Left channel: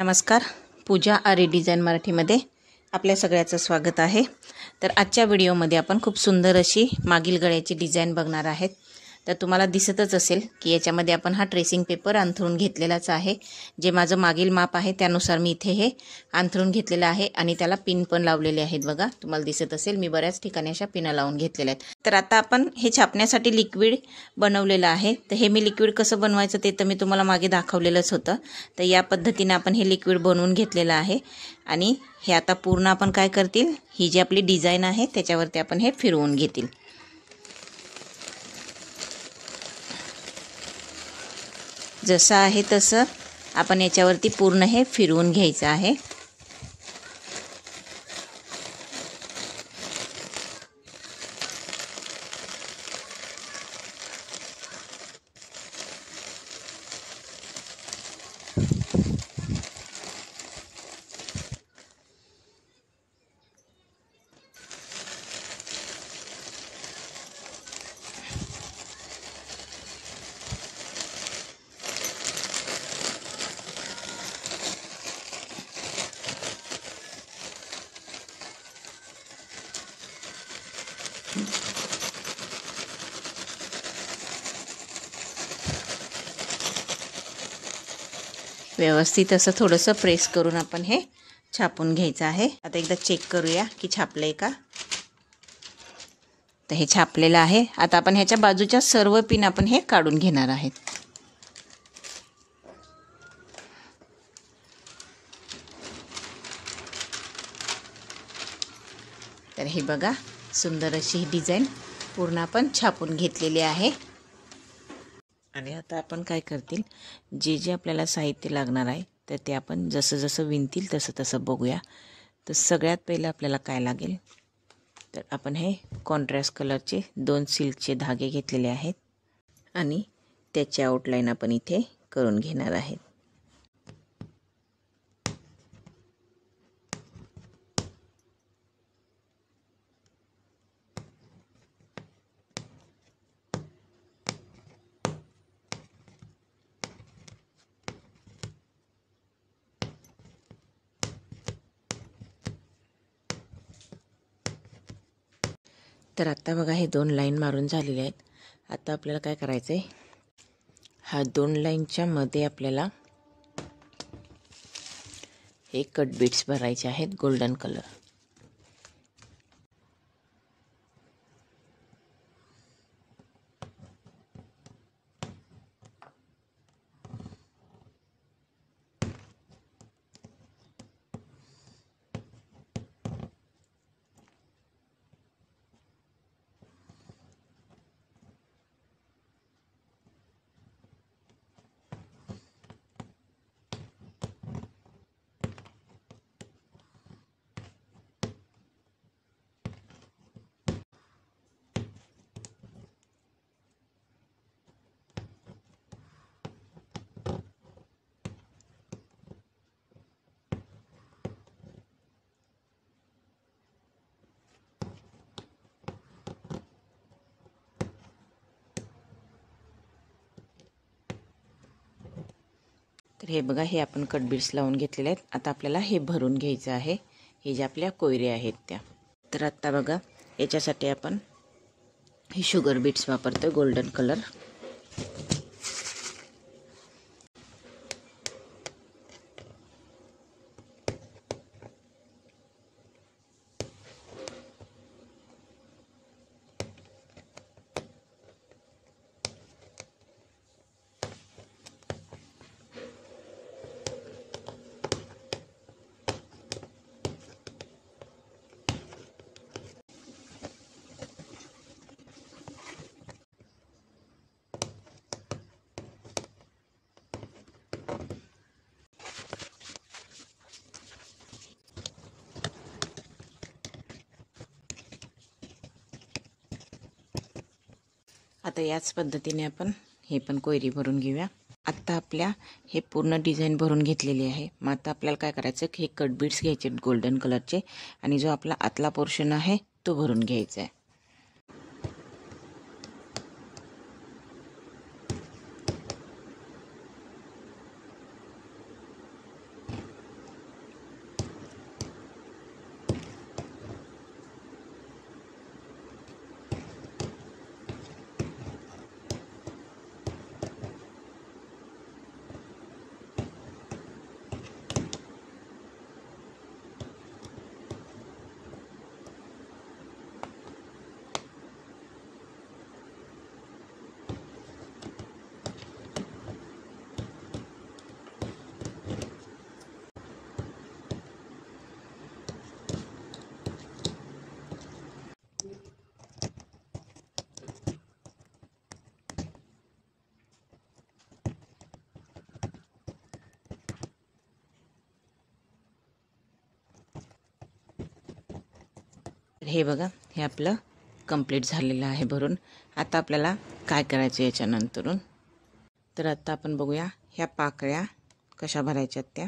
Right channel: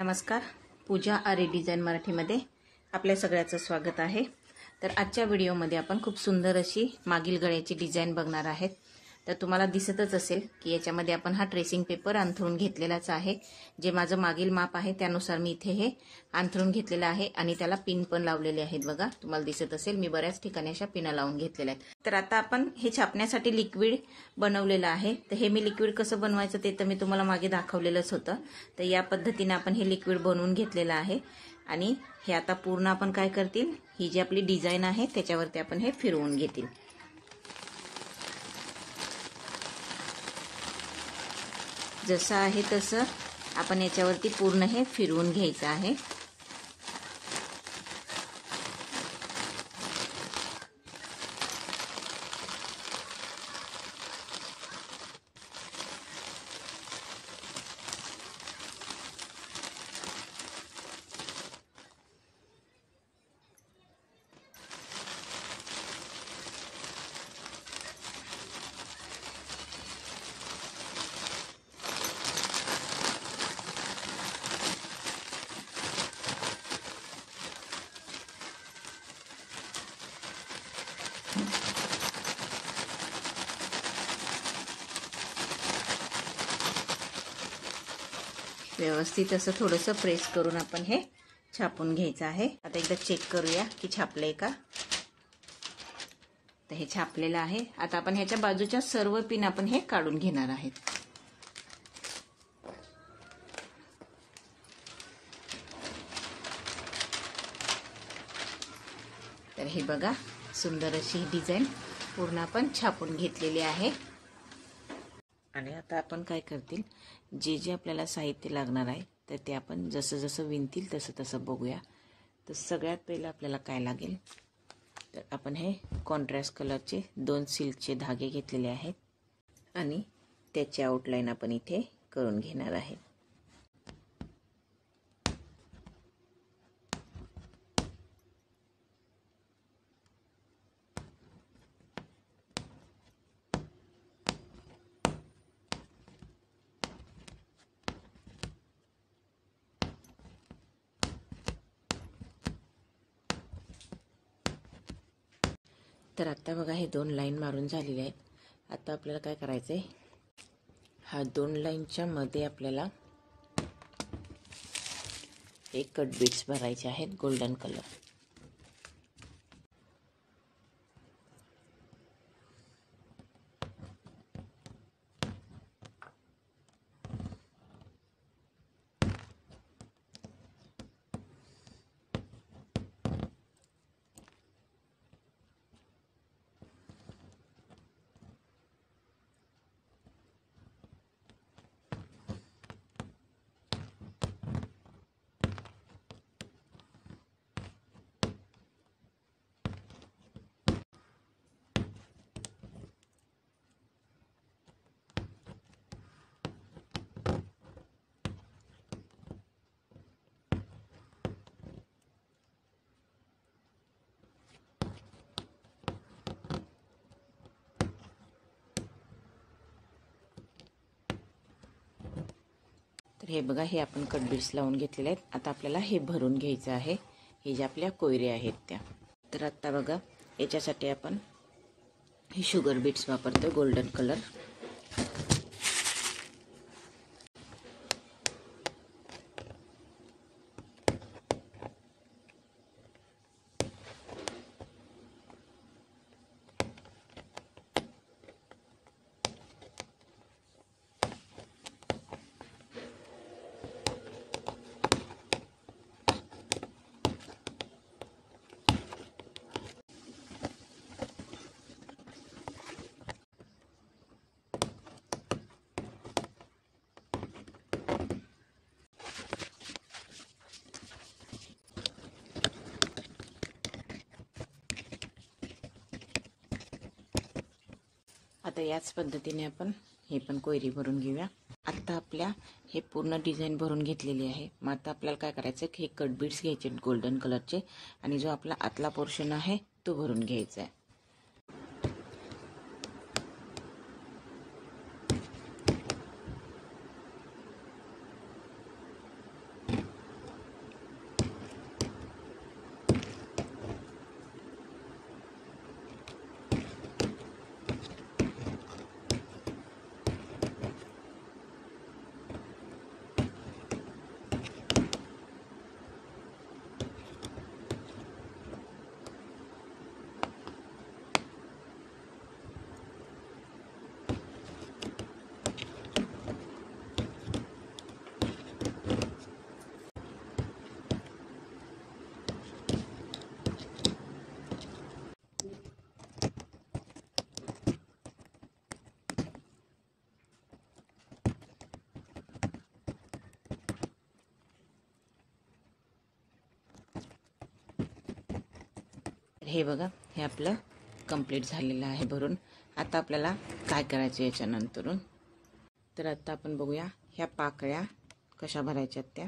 नमस्कार. पूजा आरी डिझाइन मराठीमध्ये आपल्या सगळ्याचं स्वागत आहे. तर आजच्या व्हिडिओमध्ये आपण खूप सुंदर अशी मागील गळ्याची डिझाइन बघणार आहेत. तर तुम्हाला दिसतच असेल की याच्यामध्ये आपण हा ट्रेसिंग पेपर अंथरून घेतलेलाच आहे. जे माझं मागील माप आहे त्यानुसार मी इथे हे अंथरून घेतलेलं आहे आणि त्याला पिन पण लावलेले आहेत. बघा, तुम्हाला दिसत असेल मी बऱ्याच ठिकाणी अशा पिना लावून घेतलेल्या आहेत. तर आता आपण हे छापण्यासाठी लिक्विड बनवलेलं आहे. तर हे मी लिक्विड कसं बनवायचं ते तर मी तुम्हाला मागे दाखवलेलंच होतं. तर या पद्धतीने आपण हे लिक्विड बनवून घेतलेलं आहे आणि हे आता पूर्ण आपण काय करतील, ही जी आपली डिझाइन आहे त्याच्यावरती आपण हे फिरवून घेतील. जसं आहे तसं आपण याच्यावरती पूर्ण हे फिरवून घ्यायचं आहे. व्यवस्थित असं थोडंसं प्रेस करून आपण हे छापून घ्यायचं आहे. आता एकदा चेक करूया की छापलंय का. तर हे छापलेलं आहे. आता आपण ह्याच्या बाजूच्या सर्व पिन आपण हे काढून घेणार आहेत. तर हे बघा, सुंदर अशी ही डिझाइन पूर्ण आपण छापून घेतलेली आहे. आणि आता आपण काय करतील, जे जे आपल्याला साहित्य लागणार आहे तर ते आपण जसं जसं विणतील तसं तसं बघूया. तर सगळ्यात पहिलं आपल्याला काय लागेल, तर आपण हे कॉन्ट्रास्ट कलरचे 2 सिल्कचे धागे घेतलेले आहेत आणि त्याचे आउटलाईन आपण इथे करून घेणार आहेत. तर आता बघा, हे 2 लाईन मारून झालेले आहेत. आता आपल्याला काय करायचं आहे, हा 2 लाईनच्या मध्ये आपल्याला हे कट बीट्स भरायचे आहेत गोल्डन कलर. तर हे बघा, हे आपण कट बीट्स लावून घेतलेले आहेत. आता आपल्याला हे भरून घ्यायचं आहे, हे ज्या आपल्या कोयऱ्या आहेत त्या. तर आता बघा, याच्यासाठी आपण हे शुगर बीट्स वापरतो गोल्डन कलर. आता याच पद्धतीने आपण हे पण कोयरी भरून घेऊया. आत्ता आपल्या हे पूर्ण डिझाईन भरून घेतलेली आहे. मग आता आपल्याला काय करायचं की हे कट बीट्स घ्यायचे गोल्डन कलरचे आणि जो आपला आतला पोर्शन आहे तो भरून घ्यायचा आहे. हे बघा, हे आपलं कंप्लीट झालेलं आहे भरून. आता आपल्याला काय करायचं याच्यानंतरून, तर आता आपण बघूया ह्या पाकळ्या कशा भरायच्यात त्या.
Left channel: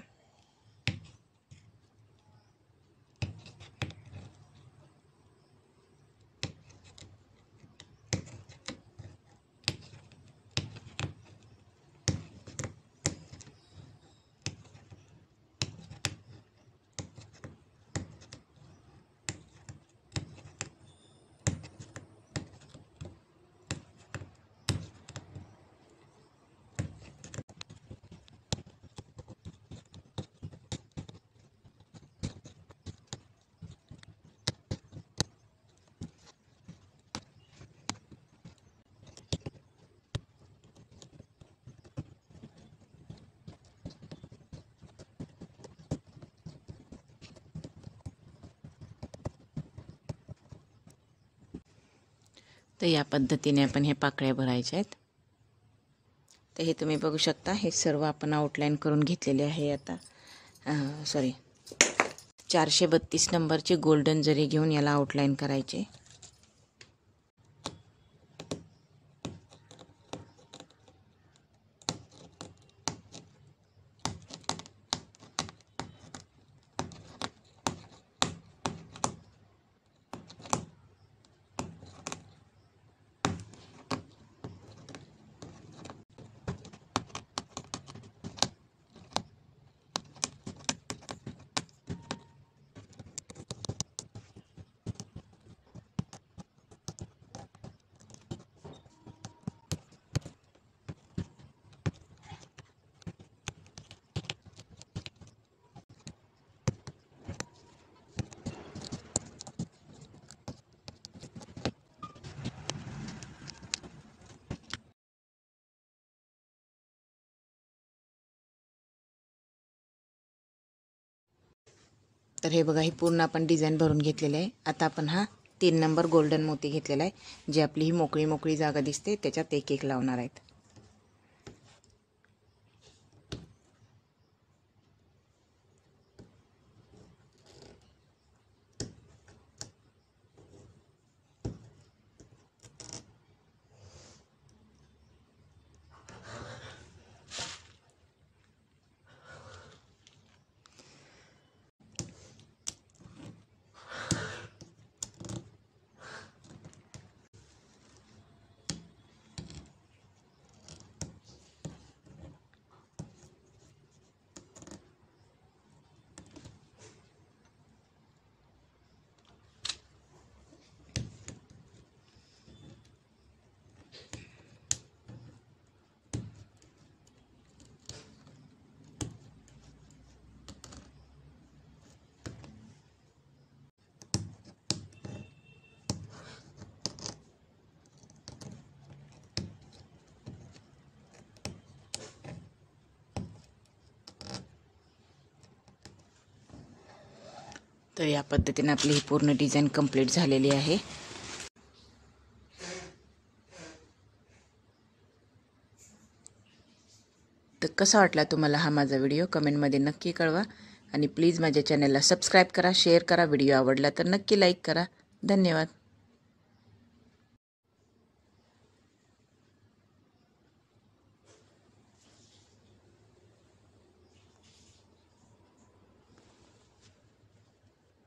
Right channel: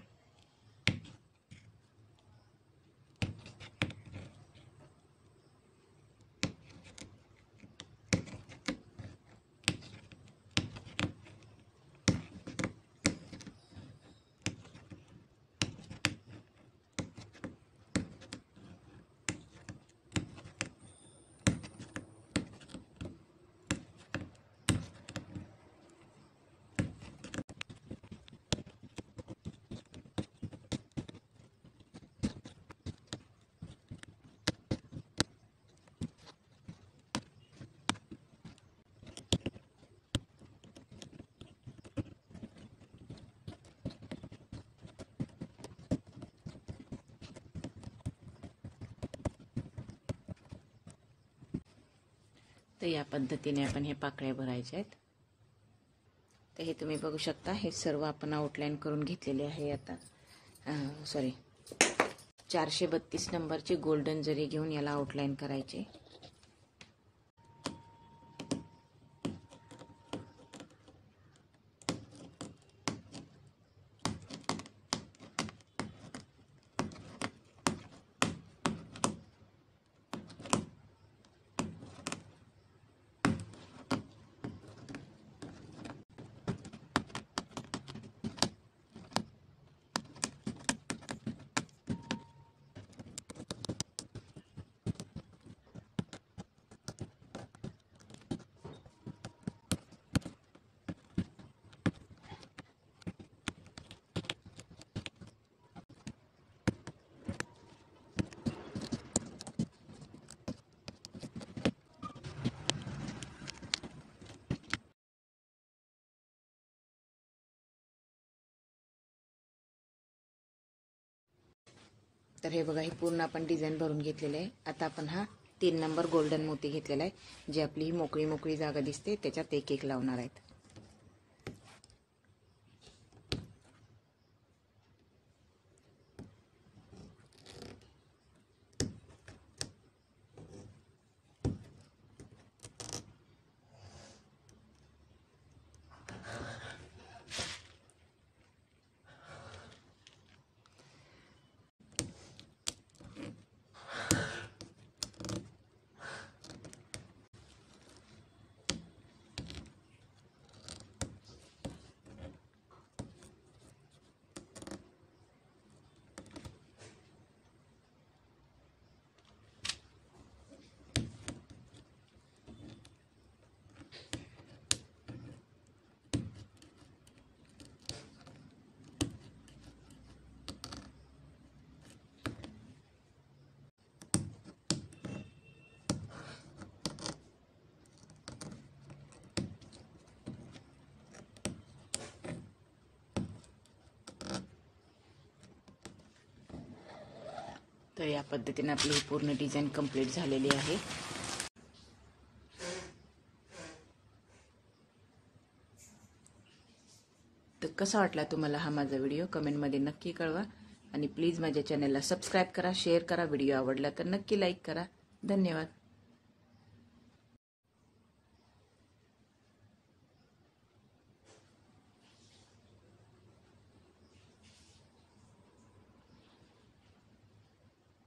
तर या पद्धतीने आपण हे पाकळ्या भरायच्या आहेत. तर हे तुम्ही बघू शकता, हे सर्व आपण आउटलाईन करून घेतलेले आहे. आता 432 नंबरची गोल्डन जरी घेऊन याला आउटलाईन करायचे. तर हे बघा, ही पूर्ण आपण डिझाईन भरून घेतलेली आहे. आता आपण हा 3 नंबर गोल्डन मोती घेतलेला आहे. जी आपली ही मोकळी मोकळी जागा दिसते त्याच्यात एक एक लावणार आहेत. तर या पद्धतीने आपली ही पूर्ण डिझाईन कंप्लीट झालेली आहे. तर कसा वाटला तुम्हाला हा माझा व्हिडिओ कमेंटमध्ये नक्की कळवा. आणि प्लीज माझ्या चॅनलला सबस्क्राईब करा, शेअर करा. व्हिडिओ आवडला तर नक्की लाईक करा. धन्यवाद.